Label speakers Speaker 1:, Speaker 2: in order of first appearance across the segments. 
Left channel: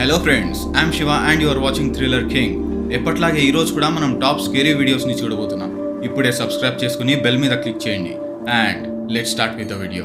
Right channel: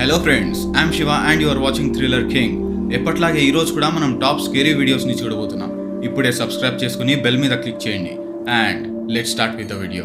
Speaker 1: Hello friends I'm Shiva and your watching thriller king ఎప్పట్లాగే ఈరోజు కూడా మనం టాప్ స్కేరీ వీడియోస్ని చూడబోతున్నాం. ఇప్పుడే సబ్స్క్రైబ్ చేసుకుని బెల్ మీద క్లిక్ చేయండి. And let start with the video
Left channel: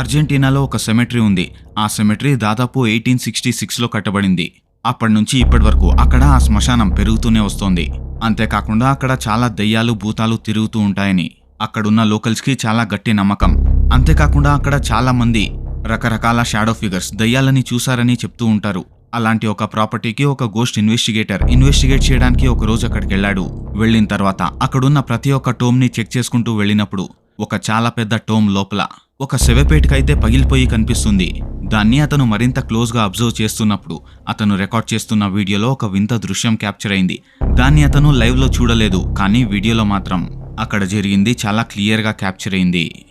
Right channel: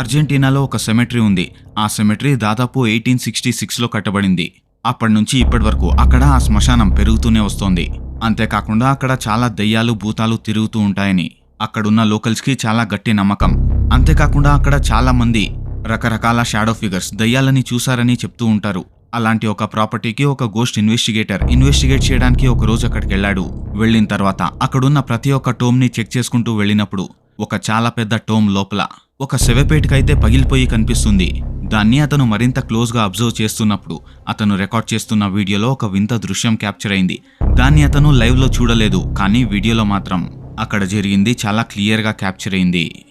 Speaker 1: అర్జెంటీనాలో ఒక సెమెట్రీ ఉంది. ఆ సెమెట్రీ దాదాపు ఎయిటీన్ సిక్స్టీ సిక్స్లో కట్టబడింది. అప్పటి నుంచి ఇప్పటి వరకు అక్కడ ఆ శ్మశానం పెరుగుతూనే వస్తోంది. అంతేకాకుండా అక్కడ చాలా దెయ్యాలు భూతాలు తిరుగుతూ ఉంటాయని. అక్కడున్న లోకల్స్కి చాలా గట్టి నమ్మకం. అంతేకాకుండా అక్కడ చాలా మంది రకరకాల షాడో ఫిగర్స్ దయ్యాలని చూశారని చెప్తూ ఉంటారు. అలాంటి ఒక ప్రాపర్టీకి ఒక గోస్ట్ ఇన్వెస్టిగేటర్ ఇన్వెస్టిగేట్ చేయడానికి ఒక రోజు అక్కడికి వెళ్ళాడు వెళ్ళిన తర్వాత అక్కడున్న ప్రతి ఒక్క టోమ్ని చెక్ చేసుకుంటూ వెళ్ళినప్పుడు ఒక చాలా పెద్ద టోమ్ లోపల ఒక శవపేటకైతే పగిలిపోయి కనిపిస్తుంది. దాన్ని అతను మరింత క్లోజ్గా అబ్జర్వ్ చేస్తున్నప్పుడు అతను రికార్డ్ చేస్తున్న వీడియోలో ఒక వింత దృశ్యం క్యాప్చర్ అయింది. దాన్ని అతను లైవ్లో చూడలేదు కానీ వీడియోలో మాత్రం అక్కడ జరిగింది చాలా క్లియర్గా క్యాప్చర్ అయింది.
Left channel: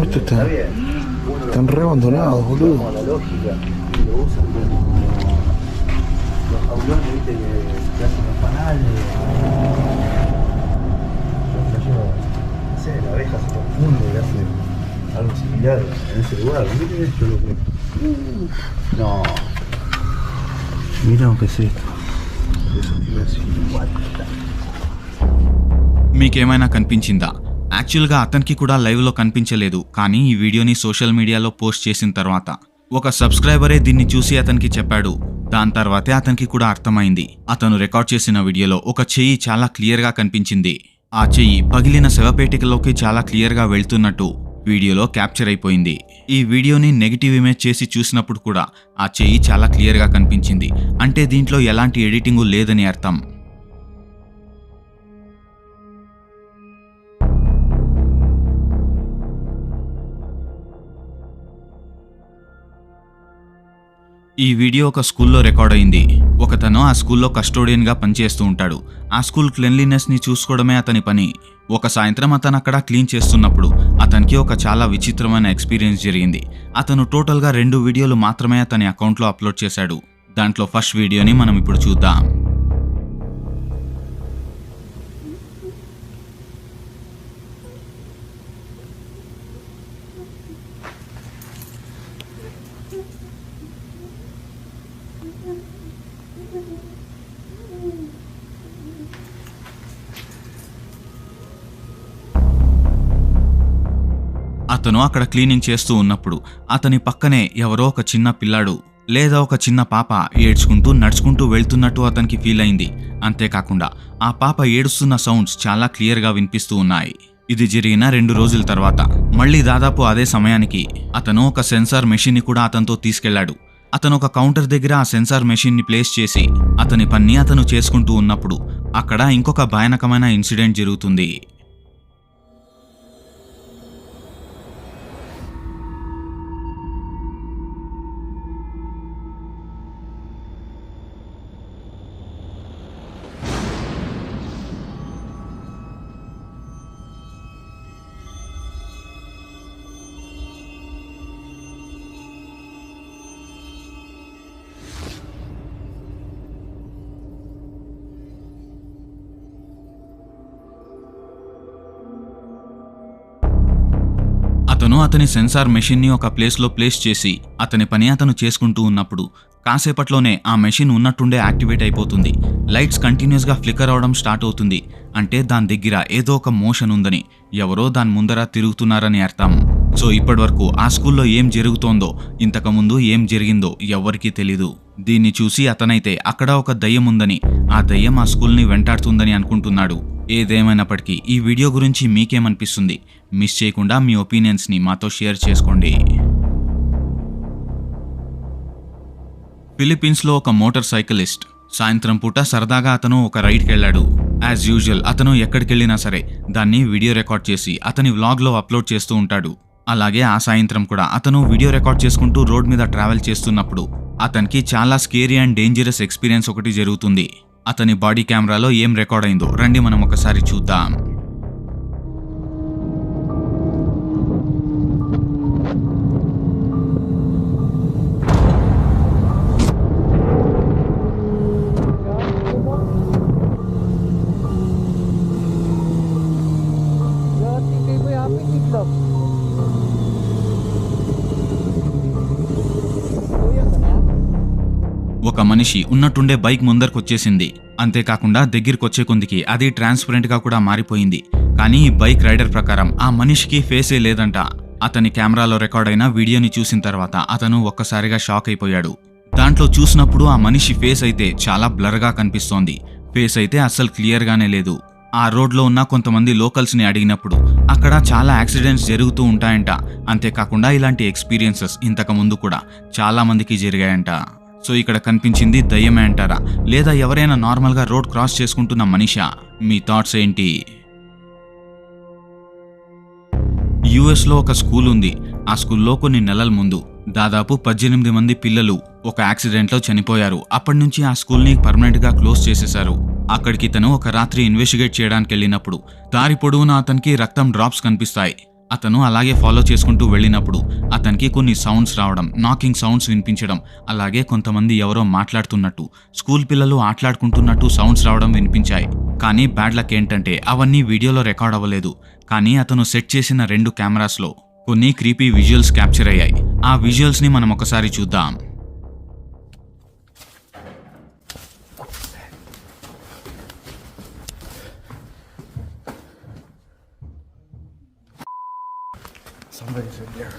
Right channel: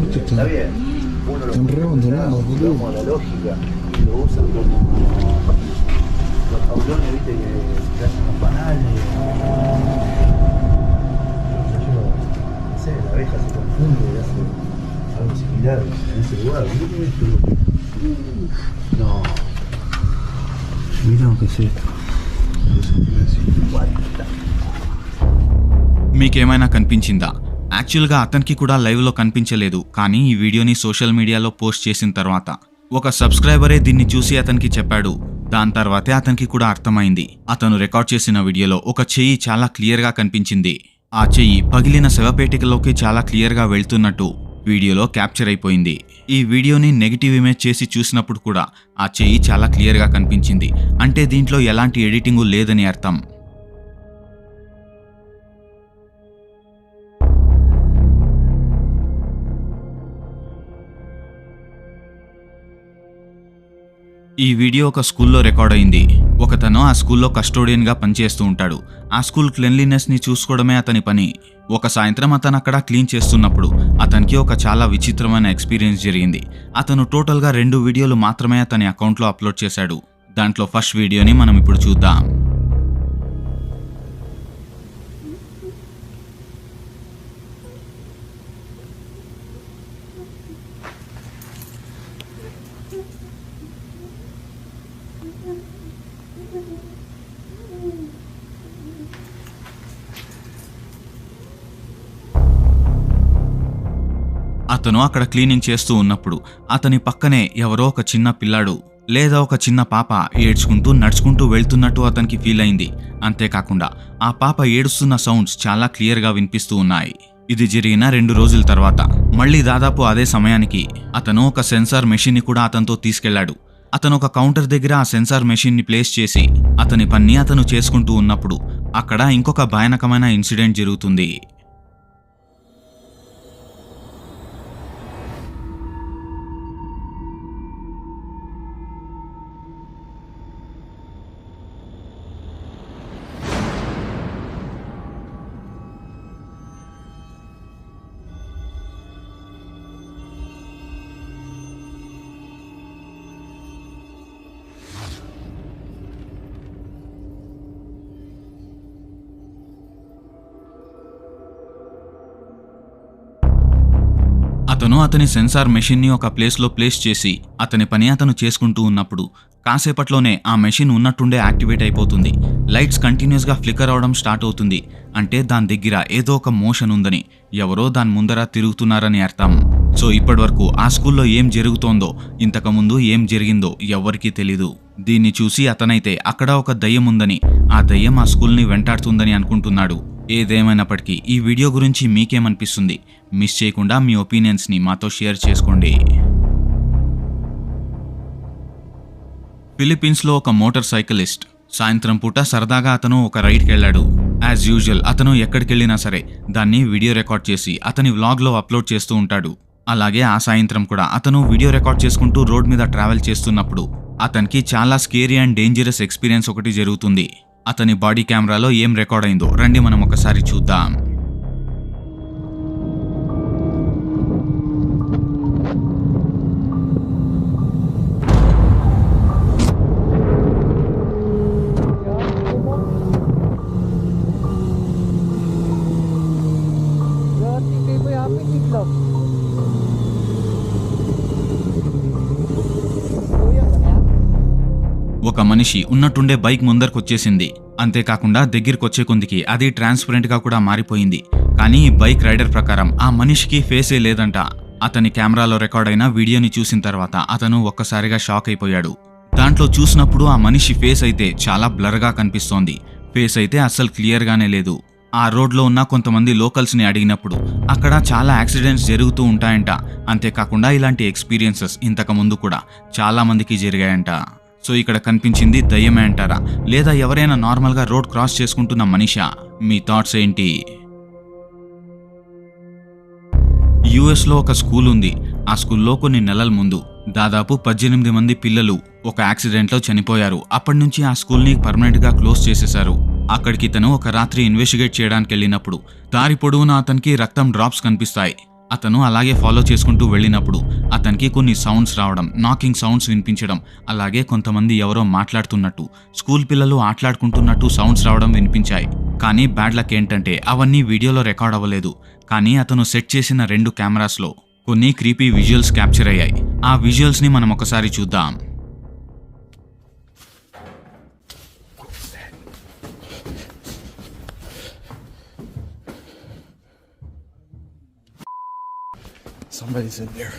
Speaker 2: Está bien.
Speaker 3: Están re abandonados, boludo.
Speaker 2: Como la lógica, lo usan como los jaulones, viste, que, hacen los panales. Los no sé, la abeja se confunde y hace algo similar en ese lugar. No. Miren lo que es esto. Eso es Mike
Speaker 1: Emana Canpinchinda. యాక్చువల్గా అతనికి కూడా లైవ్లో కనిపించలేదు కానీ ఈ వీడియోని social మీడియాలో post చేసిన తర్వాత. ఒక సబ్స్క్రైబరే దీన్ని చూసి అతనికి చెప్పాడు. దాని తర్వాతే అతనికి కూడా అర్థమైంది. అతను రికార్డ్ చేసిన వీడియోలో ఒక చెయ్యి చాలా క్లియర్గా కనిపించింది. ఆ చెయ్యి పగిలిన శవపేటికలోకి చాలా క్లియర్గా వెళ్తున్నట్టు వీడియోలో క్యాప్చర్ అయిపోయింది. ఈ వీడియోని నెగిటివ్ ఇమేజ్ చేసి చూసినప్పుడు కూడా ఆ చెయ్యి చాలా క్లియర్గా కనిపించింది. అంటే దీంట్లో ఎలాంటి ఎడిటింగు లేదని అర్థం. ఈ వీడియో ఒక స్కూల్లో రికార్డ్ అయింది. ఒకతను ఆ స్కూల్లో కస్టోడియన్గా పనిచేస్తూ ఉంటాడు. ఆ స్కూల్ క్లెన్లీనెస్ని చూసుకోవడమే అతని పని. ఒక సాయంత్రం అతను అక్కడ క్లీన్ చేస్తున్నప్పుడు అతనికి ఒక చాలా విచిత్రమైన ఎక్స్పీరియన్స్ జరిగింది. అతను టోటల్గా రెండు వీడియోలు మాత్రమే అతని అకౌంట్లో అప్లోడ్ చేశాడు. దాంట్లో ఫస్ట్ వీడియోని మనం ఇప్పుడు చూద్దాం. అతను అక్కడ క్లీనింగ్ చేస్తూ ఉన్నప్పుడు అతని పక్కనే ఎవరో ఒక చిన్న పిల్లాడు లేదా ఒక చిన్న పాప ఏడ్చుకుంటూ నడుచుకుంటూ వెళ్తున్నట్టు అతనికి ఫీల్ అయింది. అంతేకాకుండా ఆ పాప ఏడుస్తున్న సౌండ్స్ చాలా క్లియర్గా వినిపిస్తూ ఉన్నాయి. ఇది జరిగిన రెండు రోజుల తర్వాత. మళ్ళీ దాదాపు అదే సమయానికి అతను ఒక సెన్సార్ మెషిన్ని కూడా అతనితో తీసుకెళ్ళాడు. అతను ఒక కౌంటర్ దగ్గర ఆ సెన్సార్ మెషిన్ని ప్లేస్ చేసి అతని పని అతను చేసుకుంటూ ఉన్నప్పుడు అక్కడ ఇంకొక భయానకమైన ఇన్సిడెంట్ జరుగుతుంది. అతను అతని సెన్సార్ మెషిన్ని ఒక ప్లేస్లో ప్లేస్ చేసి అతని పని అతను చేసుకుంటూ ఉన్నప్పుడు కాసేపట్లోనే ఆ మెషిన్ ఉన్నట్టుండే యాక్టివేట్ అయిపోతుంది. లైట్స్ కంటిన్యూస్గా ఫ్లికర్ అవడం స్టార్ట్ అవుతుంది. అంటే దాని దగ్గర ఏదో ఒక మోషన్ ఉందని ఎవరో దాని ముందర తిరుగుతున్నారని అర్థం. సో ఇప్పటివరకు ఆ స్కూల్లో ఏం జరుగుతోందో ఇంతకుముందు ఏం జరిగిందో ఎవ్వరికీ తెలీదు. దీన్ని చూసి అతనైతే అక్కడ ఒక దయ్యం ఉందని ఆ దయ్యం ఆ స్కూల్ని వెంటాడుతుందని అనుకుంటున్నాడు. ఏదేమైనప్పటికీ ఈ వీడియో గురించి మీకేమనిపిస్తుంది? మిస్ చేయకుండా మీ ఒపీనియన్స్ని మాతో షేర్ చేసుకోండి. ఫిలిప్పీన్స్లో ఒక మోటార్ సైకిలిస్ట్. సాయంత్రం పూట సరదాగా అతను ఒక రైడ్కి వెళ్ళాడు యాజ్ యూజువల్ అతను ఎక్కడికెళ్ళినా సరే దాన్ని వీడియో రికార్డ్ చేసి అతని వ్లాగ్లో అప్లోడ్ చేస్తూ ఉంటాడు. అలాగే ఆ సాయంత్రం కూడా అతను వీడియో రికార్డ్ చేసుకుంటూ రోడ్ మీద ట్రావెల్ చేస్తున్నప్పుడు అతనికి చాలా స్కేరీ అండ్ డేంజరస్ ఎక్స్పీరియన్స్ ఒకటి జరుగుతుంది. అతని బాడీ కెమెరాలో ఏం రికార్డ్ అయిందో. రండి మనం ఒకసారి చూద్దాం. ఒక మనిషి ఉన్నట్టుండే బైక్ ముందరకొచ్చేసింది. అంతేకాకుండా దగ్గరికొచ్చే కొందికి అది ట్రాన్స్పరెంట్గా కూడా మారిపోయింది. కానీ బైక్ రైడర్ ప్రకారం ఆ మనిషికి ఫేసే లేదంట. అతని కెమెరాలో రికార్డ్ అయిన వీడియోని చూసిన తర్వాత అతను ఒక్కసారిగా షాక్ అయిపోయాడు దాంట్లో చూసినప్పుడు ఆ మనిషి ఫేస్ అయితే చాలా బ్లర్గా కనిపిస్తోంది. ఫేస్ అయితే అస్సలు క్లియర్గానే లేదు. ఆ రోడ్లో ఉన్న కొంతమంది లోకల్స్ని అడిగినప్పుడు అక్కడ చాలా యాక్సిడెంట్స్ జరుగుతూ ఉంటాయంట. అంతేకాకుండా ఇలాంటి ఎక్స్పీరియన్సెస్ ఇంతకు ముందు కూడా చాలా మందికి జరిగాయంట. సో ఇక్కడ కనిపించింది దయ్యమే అంటారా? లేదా ఎవరైనా నార్మల్గా రోడ్ క్రాస్ చేసుకుంటున్న మనిషా? మీ థాట్స్ ఏంటి? యుఎస్లో ఒక స్కూల్ ఉంది. ఆ స్కూల్లో కొన్ని నెలల ముందు దాదాపు పద్దెనిమిది మంది పిల్లలు ఒక యాక్సిడెంట్లో చనిపోయారు. అప్పటి నుంచి ఆ స్కూల్ని పర్మనెంట్గా క్లోజ్ చేసేశారు. అక్కడికి తను ఒక రాత్రి ఇన్వెస్టిగేట్ చేయడానికి వెళ్ళినప్పుడు దారి పొడవునా అతనికి రక్తం డ్రాప్స్ కనిపిస్తాయి. అతను అలాగే ఫాలో చేసుకుంటూ వెళ్ళినప్పుడు అతనికి కొన్ని సౌండ్స్ రావడం నాకింగ్ సౌండ్స్ వినిపించడం అలాగే కొంతమంది ఎవరో మాట్లాడుతున్నట్టు స్కూల్ పిల్లలు ఆటలాడుకుంటున్నట్టు సౌండ్స్ రావడం వినిపించాయి. కానీ బ్యాడ్ లక్ ఏంటంటే అవన్నీ వీడియోలో రికార్డ్ అవ్వలేదు. కానీ అతను సెట్ చేసిన రెండు కెమెరాస్లో కొన్ని క్రీపీ విజువల్స్ క్యాప్చర్ అయ్యాయి. ఆ విజువల్స్ని మనం ఒకసారి చూద్దాం.
Speaker 3: Somebody's in there.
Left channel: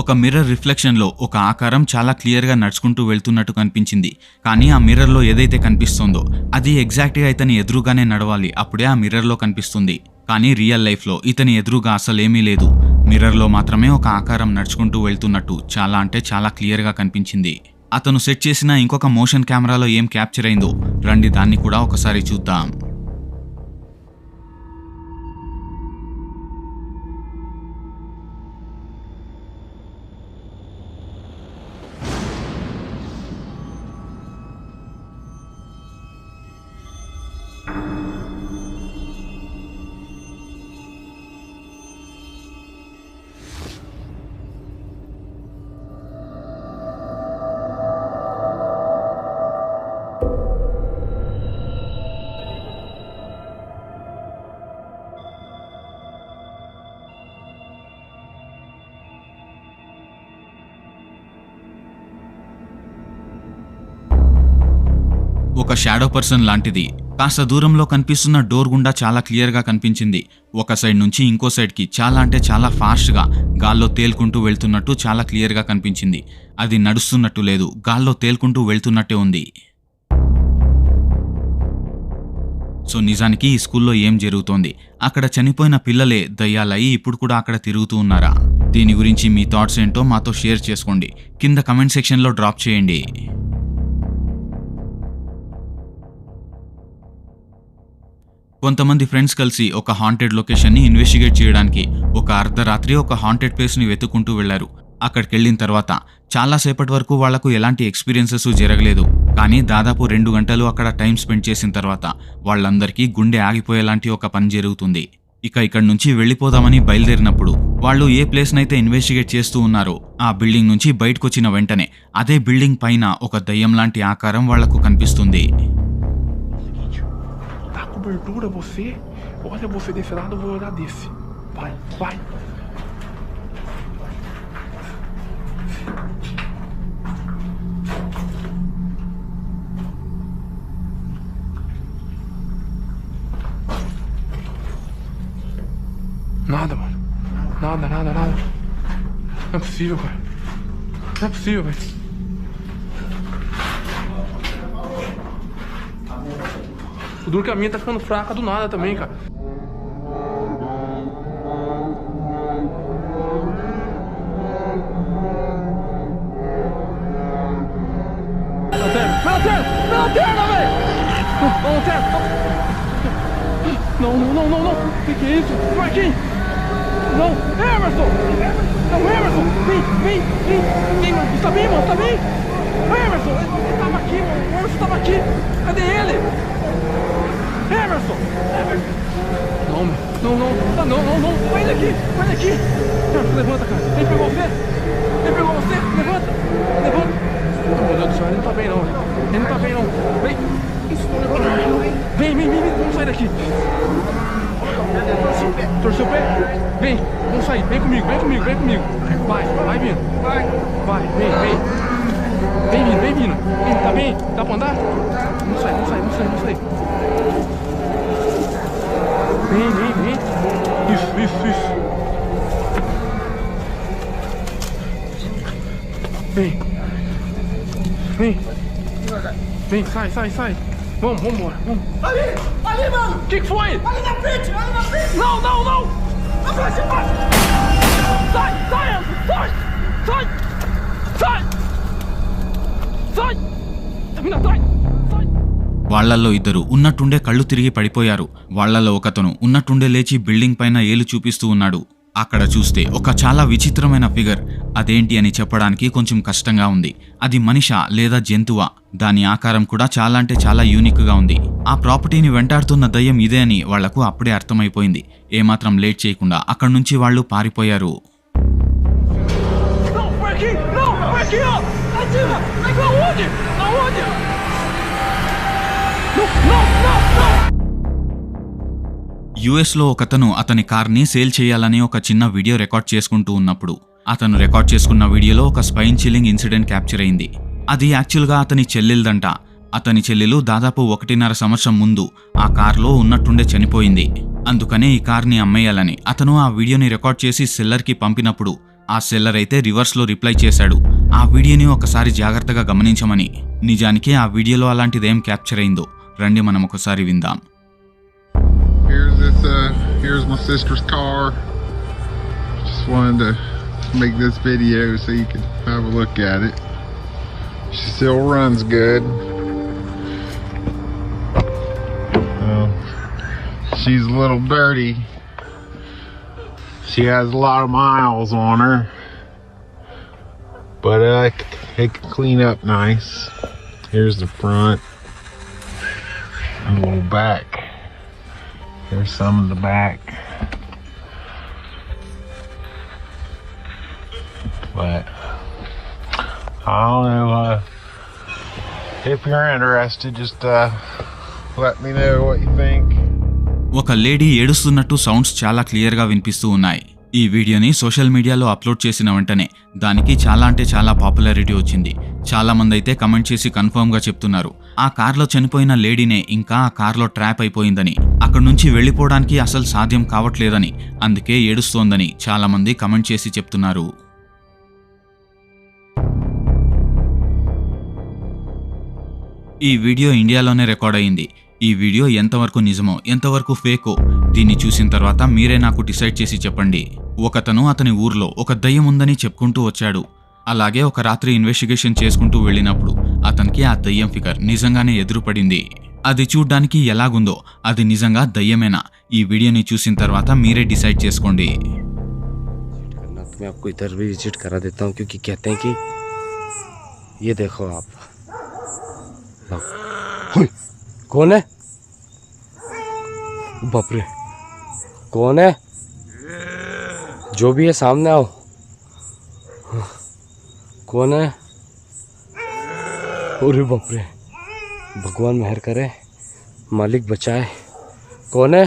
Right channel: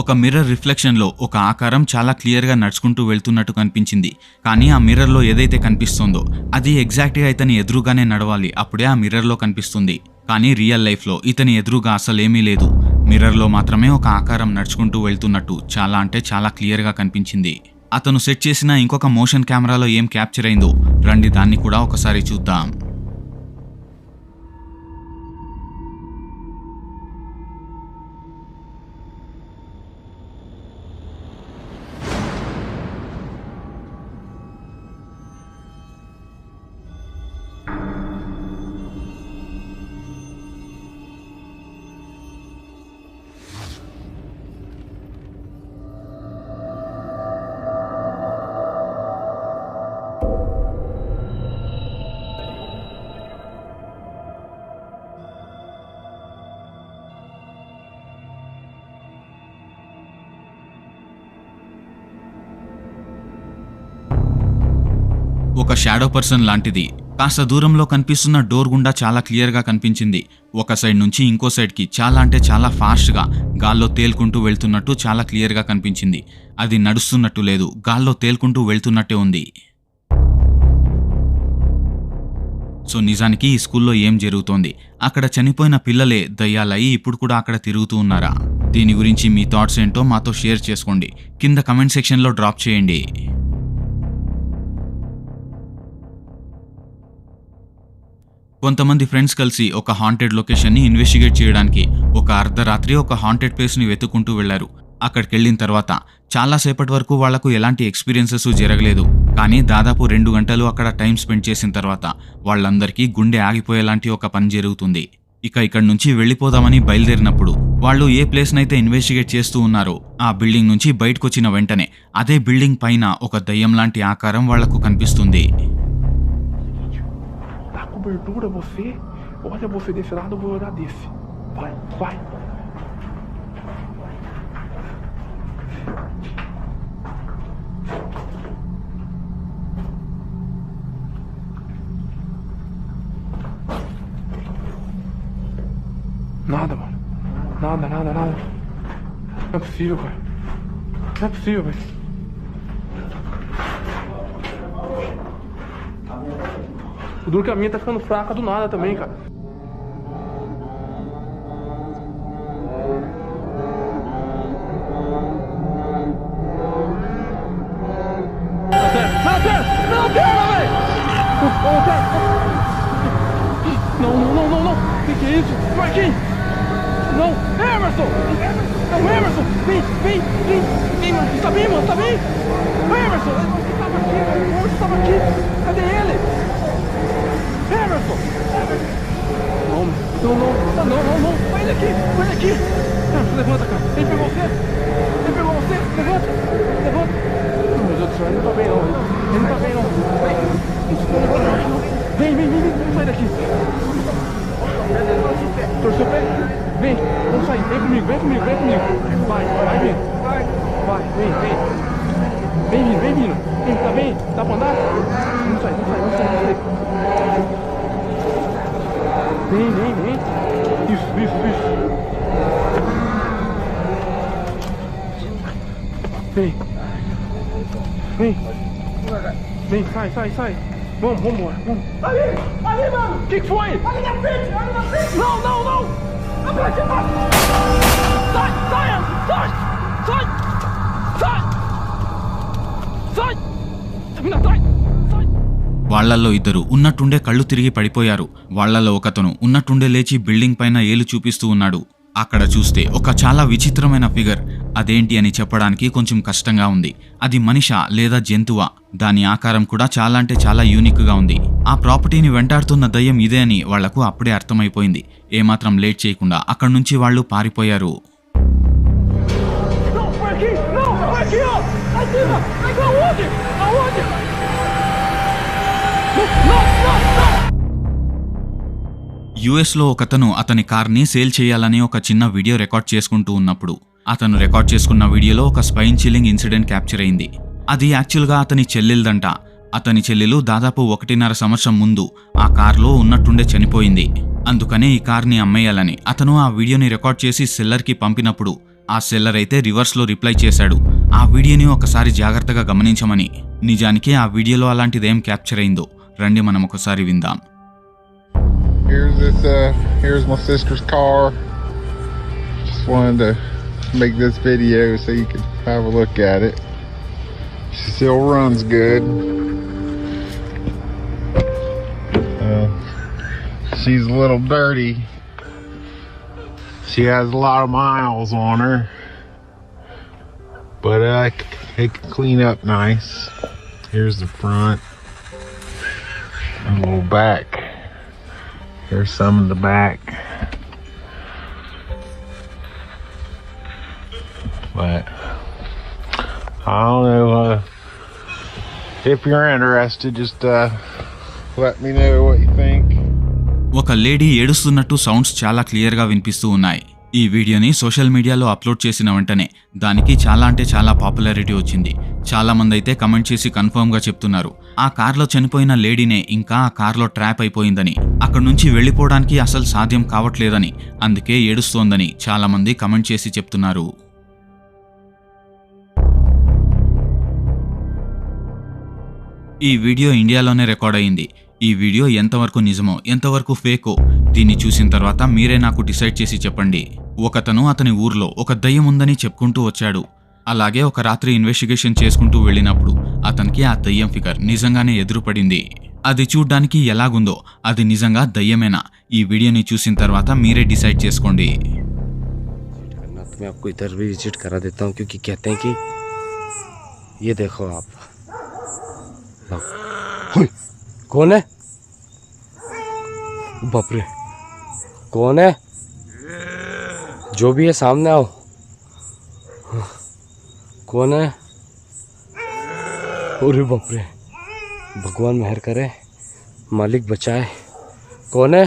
Speaker 1: ఒక మిర్రర్ రిఫ్లెక్షన్లో ఒక ఆకారం చాలా క్లియర్గా నడుచుకుంటూ వెళ్తున్నట్టు కనిపించింది. కానీ ఆ మిర్రర్లో ఏదైతే కనిపిస్తుందో అది ఎగ్జాక్ట్గా ఇతని ఎదురుగానే నడవాలి. అప్పుడే ఆ మిర్రర్లో కనిపిస్తుంది. కానీ రియల్ లైఫ్లో ఇతని ఎదురుగా అసలేమీ లేదు. మిర్రర్లో మాత్రమే ఒక ఆకారం నడుచుకుంటూ వెళ్తున్నట్టు చాలా అంటే చాలా క్లియర్గా కనిపించింది. అతను సెట్ చేసిన ఇంకొక మోషన్ కెమెరాలో ఏం క్యాప్చర్ అయిందో రండి దాన్ని కూడా ఒకసారి చూద్దాం. ఒక షాడో పర్సన్ లాంటిది. కాస్త దూరంలో కనిపిస్తున్న డోర్ గుండా చాలా క్లియర్గా కనిపించింది. ఒక సైడ్ నుంచి ఇంకో సైడ్కి చాలా అంటే చాలా ఫాస్ట్గా గాల్లో తేలుకుంటూ వెళ్తున్నట్టు చాలా క్లియర్గా కనిపించింది. అది నడుస్తున్నట్టు లేదు. గాల్లో తేలుకుంటూ వెళ్తున్నట్టే ఉంది. సో నిజానికి ఈ స్కూల్లో ఏం జరుగుతోంది? అక్కడ చనిపోయిన పిల్లలే దయ్యాలయ్యి ఇప్పుడు కూడా అక్కడ తిరుగుతూ ఉన్నారా? దీని గురించి మీ థాట్స్ ఏంటో మాతో షేర్ చేసుకోండి. కింద కమెంట్ సెక్షన్లో డ్రాప్ చేయండి. కొంతమంది ఫ్రెండ్స్ కలిసి ఒక హాంటెడ్ లొకేషన్ని ఇన్వెస్టిగేట్ చేయడానికి ఒక అర్ధరాత్రి ఒక హాంటెడ్ ప్లేస్ని వెతుక్కుంటూ వెళ్ళారు అక్కడికి వెళ్ళిన తర్వాత చాలాసేపటి వరకు వాళ్ళకు ఎలాంటి ఎక్స్పీరియన్సెస్ జరగలేదు. కానీ దాదాపు రెండు గంటలు అక్కడ టైం స్పెండ్ చేసిన తర్వాత వాళ్ళందరికీ గుండె ఆగిపోయేలాంటి ఒక పని జరుగుతుంది. ఇక ఇక్కడి నుంచి వెళ్ళిపోదామని బయలుదేరినప్పుడు వాళ్ళు ఏ ప్లేస్నైతే ఇన్వెస్టిగేట్ చేస్తూ ఉన్నారో ఆ బిల్డింగ్ నుంచి బయటకొచ్చిన వెంటనే అదే బిల్డింగ్ పైన ఒక దయ్యం లాంటి ఆకారం వాళ్ళకు కనిపిస్తుంది.
Speaker 3: Cobertura você? Olha você desse lado, eu vou olhar desse. Vai, vai. Nada, mano. Nada, nada, nada. Não é possível, cara. Não é possível, velho. O duro que a minha tá ficando fraca do nada também, cara. Até. Não, não, não, não, não. O que, que é isso? Marquinhos! Não, Emerson! Não, Emerson! Vem, vem, vem! Vem, Marquinhos, tá bem, mano? Tá bem? Emerson! Ele tava aqui, mano. O Emerson tava aqui. Cadê ele? Não, não, não, não, não. Vai daqui, vai daqui. Emerson, levanta, cara. Ele pegou você? Ele pegou você? Levanta, levanta. Meu Deus do céu, ele não tá bem, não. Ele não tá bem, não. Vem. Vem, vem, vem. Vamos sair daqui. Torceu o pé? Vem, vamos sair. Vem comigo, vem comigo, vem comigo. Vai, vai vindo. Vai, vem, vem. Vem vindo, vem vindo. Vem, tá bem? Dá pra andar? Vamos sair, vamos sair, vamos sair, vamos sair. Vem, vem, vem. Isso, isso, isso. Vem. Vem. Vem, sai, sai, sai. Vamos, vamos embora. Vamos.
Speaker 4: Ali! Ali, mano!
Speaker 3: O que, que foi?
Speaker 4: Ali na frente! Ali na frente!
Speaker 3: Não, não, não!
Speaker 4: Na frente!
Speaker 3: Sai, sai, sai! Sai! Sai! Sai! Tá atrás! Sai!
Speaker 1: వాళ్ళల్లో ఇద్దరు ఉన్నట్టుండే కళ్ళు తిరిగి పడిపోయారు. వాళ్ళల్లో ఒకతను ఉన్నట్టుండే లేచి building పైన ఏలు చూపిస్తూ ఉన్నాడు. అక్కడ చూస్తే ఒక చాలా విచిత్రమైన ఫిగర్. అదేంటి అని చెప్పడానికి కొంచెం కష్టంగా ఉంది. అది మనిషా లేదా జంతువా? దాని ఆకారం కూడా చాలా అంటే చాలా యూనిక్గా ఉంది. ఆ ప్రాపర్టీని వెంటాడుతున్న దయ్యం ఇదే అని వాళ్ళకు అప్పుడే అర్థమైపోయింది. ఏమాత్రం లేట్ చేయకుండా అక్కడి నుంచి వాళ్ళు పారిపోయారు. యుఎస్లో ఒకతను అతని కార్ని సేల్ చేయాలని ఒక చిన్న వీడియో రికార్డ్ చేసుకుంటూ ఉన్నప్పుడు అతను రికార్డ్ చేసుకున్న వీడియోలో ఒక స్పైన్ చిల్లింగ్ ఇన్సిడెంట్ క్యాప్చర్ అయింది. అది యాక్చువల్గా అతని చెల్లెలదంట. అతని చెల్లెలు దాదాపు ఒకటిన్నర సంవత్సరం ముందు ఆ కార్లో ఉన్నట్టుండే చనిపోయింది. అందుకనే ఈ కార్ని అమ్మేయాలని అతను ఆ వీడియోని రికార్డ్ చేసి సెల్లర్కి పంపినప్పుడు ఆ సెల్లర్ అయితే రివర్స్లో రిప్లై చేశాడు. ఆ వీడియోని ఒకసారి జాగ్రత్తగా గమనించమని. నిజానికి ఆ వీడియోలో అలాంటిదేం క్యాప్చర్ అయిందో. రండి మనం ఒకసారి విందాం
Speaker 5: Here's this, uh, here's my sister's car. Just wanted to make this video so you could have a look at it. She still runs good. Uh, she's a little dirty. She has a lot of miles on her. But uh, it can clean up nice. Here's the front. And a little back. Here's some of the back. But I don't know uh, if you're interested. Just uh, let me know what you think.
Speaker 1: ఒక lady ఏడుస్తున్నట్టు sounds చాలా క్లియర్గా వినిపిస్తూ ఉన్నాయి ఈ వీడియోని social మీడియాలో upload చేసిన వెంటనే దానికి చాలా అంటే చాలా పాపులారిటీ వచ్చింది. చాలామంది అయితే కమెంట్ చేసి కన్ఫర్మ్గా చెప్తున్నారు. ఆ కార్లో చనిపోయిన లేడీనే ఇంకా ఆ కార్లో ట్రాప్ అయిపోయిందని అక్కడి నుంచి వెళ్ళిపోవడానికి అసలు సాధ్యం కావట్లేదని అందుకే ఏడుస్తోందని చాలామంది కమెంట్ చేసి చెప్తున్నారు. ఈ వీడియో ఇండియాలోనే రికార్డ్ అయింది. ఈ వీడియో ఎంతవరకు నిజమో ఎంతవరకు ఫేకో దీన్ని చూసిన తర్వాత మీరే నాకు డిసైడ్ చేసి చెప్పండి ఒకతను అతని ఊర్లో ఒక దయ్యం ఉందని చెప్పుకుంటూ వచ్చాడు అలాగే ఒక రాత్రి ఇన్వెస్టిగేషన్ చేసుకుంటూ వెళ్ళినప్పుడు అతనికి ఆ దయ్యం ఫిగర్ నిజంగానే ఎదురుపడింది అది చూడ్డానికి ఎలాగుందో అది నిజంగా దయ్యమేనా ఈ వీడియోని చూసిన తర్వాత మీరే డిసైడ్ చేసుకోండి
Speaker 6: करना तो मैं आपको इधर भी विजिट करा देता हूँ क्योंकि कहते हैं कि ये देखो आप लो। हुई, कौन है बाप रे कौन है जो भी है सामने आओ कौन है अरे बाप रे भगवान मेहर करे मालिक बचाए कौन है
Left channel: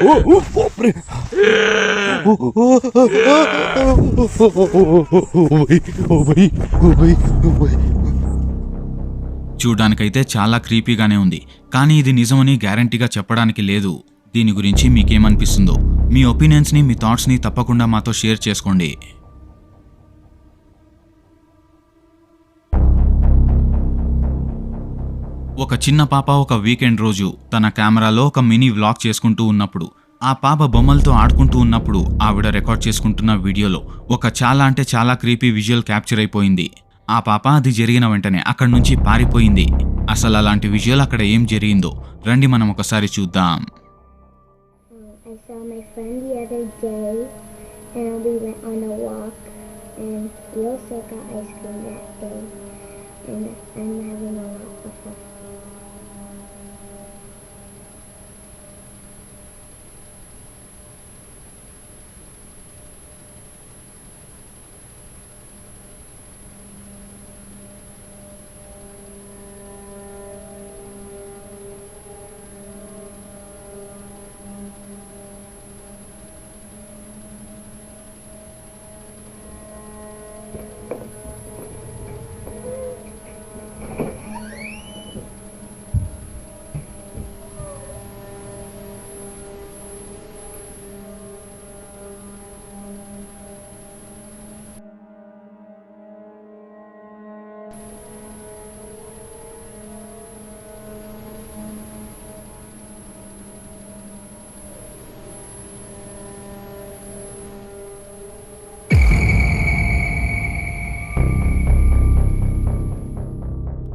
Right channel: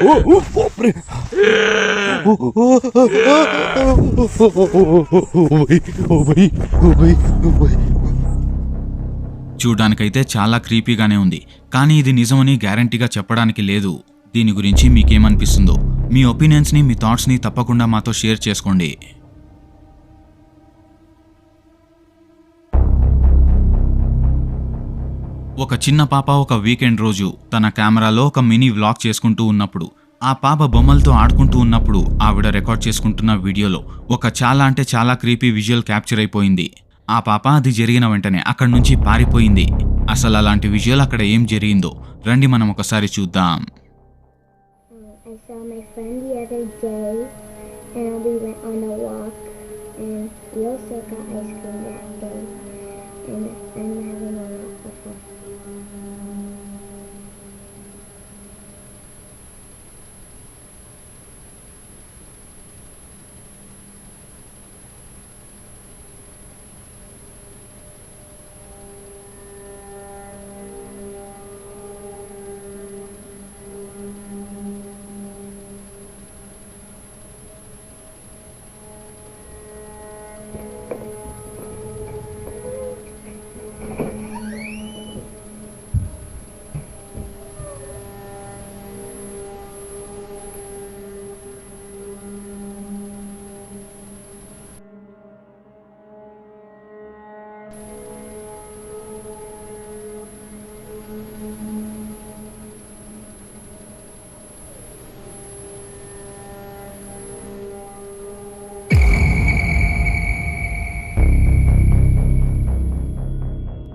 Speaker 6: ओ, ओ, ओ, ओ, भाई ओ भाई ओ भाई ओ भाई
Speaker 1: చూడ్డానికైతే చాలా క్రీపీగానే ఉంది. కానీ ఇది నిజమని గ్యారంటీగా చెప్పడానికి లేదు. దీని గురించి మీకేమనిపిస్తుందో? మీ ఒపీనియన్స్ని మీ థాట్స్ని తప్పకుండా మాతో షేర్ చేసుకోండి. ఒక చిన్న పాప ఒక వీకెండ్ రోజు తన కెమెరాలో ఒక మినీ వ్లాగ్ చేసుకుంటూ ఉన్నప్పుడు ఆ పాప బొమ్మలతో ఆడుకుంటూ ఉన్నప్పుడు ఆవిడ రికార్డ్ చేసుకుంటున్న వీడియోలో ఒక చాలా అంటే చాలా క్రీపీ విజువల్ క్యాప్చర్ అయిపోయింది. ఆ పాప అది జరిగిన వెంటనే అక్కడి నుంచి పారిపోయింది అసలు అలాంటి విజువల్ అక్కడ ఏం జరిగిందో రండి మనం ఒకసారి చూద్దాం
Speaker 7: I saw my friend the other day, and we went on a walk, and we also got ice cream that day, and I'm having a lot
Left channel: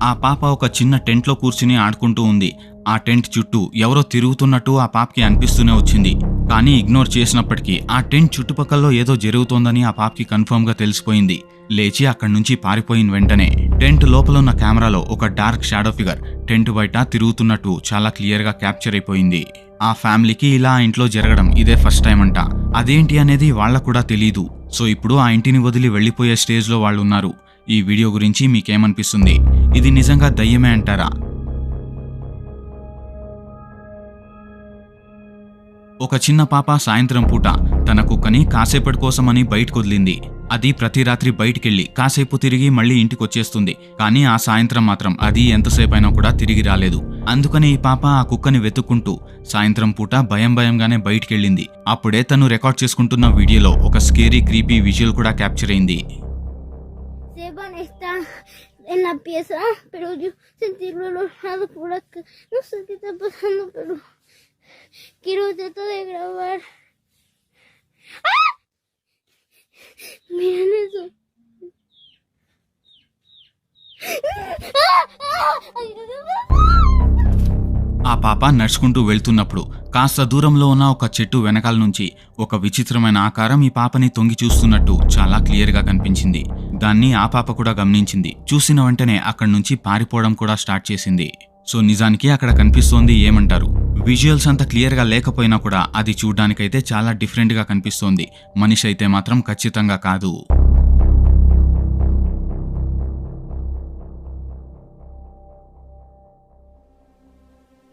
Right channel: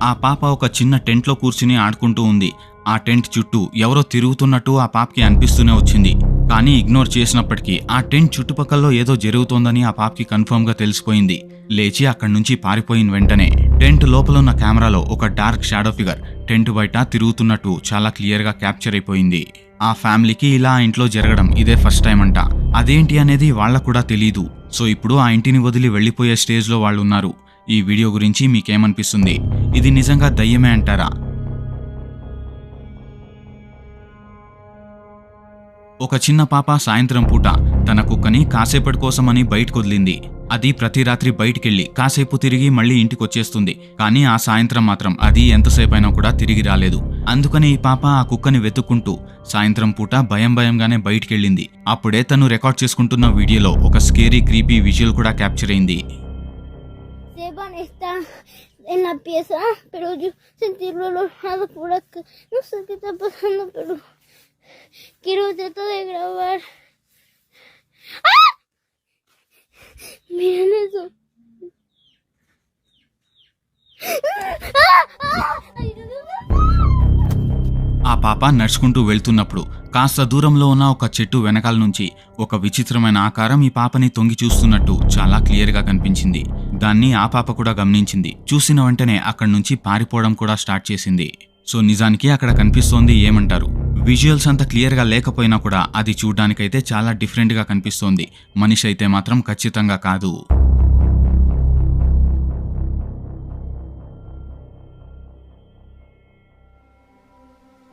Speaker 1: ఆ పాప ఒక చిన్న టెంట్లో కూర్చుని ఆడుకుంటూ ఉంది. ఆ టెంట్ చుట్టూ ఎవరో తిరుగుతున్నట్టు ఆ పాపకి అనిపిస్తూనే వచ్చింది. కానీ ఇగ్నోర్ చేసినప్పటికీ ఆ టెంట్ చుట్టుపక్కల ఏదో జరుగుతోందని ఆ పాపకి కన్ఫర్మ్గా తెలిసిపోయింది. లేచి అక్కడి నుంచి పారిపోయిన వెంటనే టెంట్ లోపల ఉన్న కెమెరాలో ఒక డార్క్ షాడో ఫిగర్ టెంట్ బయట తిరుగుతున్నట్టు చాలా క్లియర్గా క్యాప్చర్ అయిపోయింది. ఆ ఫ్యామిలీకి ఇలా ఆ ఇంట్లో జరగడం ఇదే ఫస్ట్ టైం అంట. అదేంటి అనేది వాళ్ళకు కూడా తెలియదు సో ఇప్పుడు ఆ ఇంటిని వదిలి వెళ్ళిపోయే స్టేజ్లో వాళ్ళు ఉన్నారు ఈ వీడియో గురించి మీకేమనిపిస్తుంది? ఇది నిజంగా దయ్యమే అంటారా? ఒక చిన్న పాప సాయంత్రం పూట తన కుక్కని కాసేపటి కోసమని బయటకు వదిలింది అది ప్రతి రాత్రి బయటికెళ్ళి కాసేపు తిరిగి మళ్ళీ ఇంటికొచ్చేస్తుంది. కానీ ఆ సాయంత్రం మాత్రం అది ఎంతసేపైనా కూడా తిరిగి రాలేదు. అందుకని ఈ పాప ఆ కుక్కని వెతుక్కుంటూ సాయంత్రం పూట భయం భయంగానే బయటికెళ్ళింది. అప్పుడే తను రికార్డ్ చేసుకుంటున్న వీడియోలో ఒక స్కేరీ క్రీపీ విజువల్ కూడా క్యాప్చర్ అయింది.
Speaker 7: Esteban está en la pieza, pero yo sentí el olor por acá. No sé qué está pasando, pero quiero tratar de grabar. ¡Ah! Miren eso.
Speaker 1: ఆ పాప నడుచుకుంటూ వెళ్తున్నప్పుడు కాస్త దూరంలో ఉన్న ఒక చెట్టు వెనకాల నుంచి ఒక విచిత్రమైన ఆకారం ఈ పాపని తొంగి చూస్తున్నట్టు చాలా క్లియర్గా కనిపించింది దాన్ని ఆ పాప కూడా గమనించింది. చూసిన వెంటనే అక్కడి నుంచి పారిపోవడం కూడా స్టార్ట్ చేసింది. సో నిజానికి అక్కడ కనిపిస్తోంది ఏమంటారు? విజువల్స్ అంత క్లియర్గా లేకపోయినా కూడా అది చూడ్డానికైతే చాలా డిఫరెంట్గా కనిపిస్తోంది. మనిషి అయితే మాత్రం ఖచ్చితంగా కాదు.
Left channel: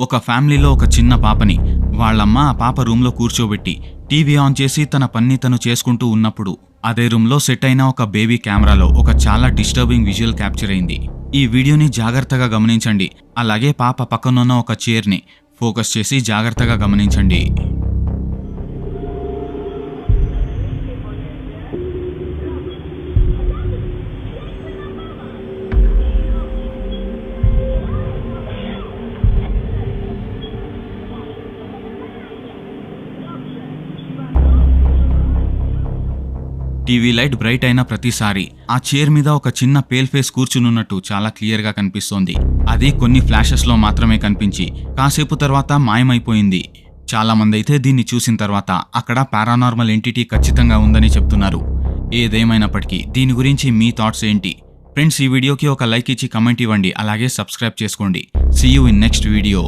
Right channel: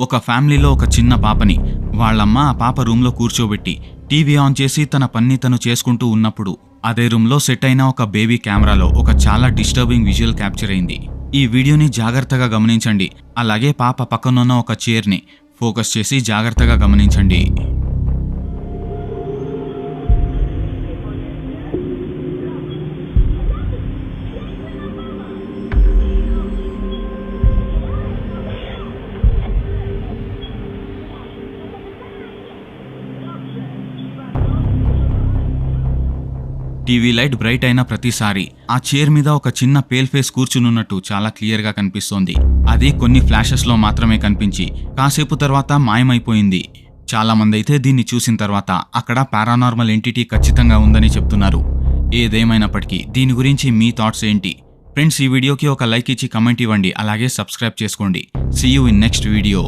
Speaker 1: ఒక ఫ్యామిలీలో ఒక చిన్న పాపని వాళ్ళమ్మ ఆ పాప రూమ్లో కూర్చోబెట్టి టీవీ ఆన్ చేసి తన పన్ని తను చేసుకుంటూ ఉన్నప్పుడు అదే రూమ్లో సెట్ అయిన ఒక బేబీ కెమెరాలో ఒక చాలా డిస్టర్బింగ్ విజువల్ క్యాప్చర్ అయింది. ఈ వీడియోని జాగ్రత్తగా గమనించండి. అలాగే పాప పక్కనున్న ఒక చైర్ని ఫోకస్ చేసి జాగ్రత్తగా గమనించండి. టీవీ లైట్ బ్రైట్ అయిన ప్రతిసారి ఆ చైర్ మీద ఒక చిన్న పేల్ ఫేస్ కూర్చునున్నట్టు చాలా క్లియర్గా కనిపిస్తోంది. అది కొన్ని ఫ్లాషెస్లో మాత్రమే కనిపించి కాసేపు తర్వాత మాయమైపోయింది. చాలామంది అయితే దీన్ని చూసిన తర్వాత అక్కడ పారానార్మల్ ఎంటిటీ ఖచ్చితంగా ఉందని చెప్తున్నారు. ఏదేమైనప్పటికీ దీని గురించి మీ థాట్స్ ఏంటి? ఫ్రెండ్స్ ఈ వీడియోకి ఒక లైక్ ఇచ్చి కమెంట్ ఇవ్వండి. అలాగే సబ్స్క్రైబ్ చేసుకోండి. See you in next video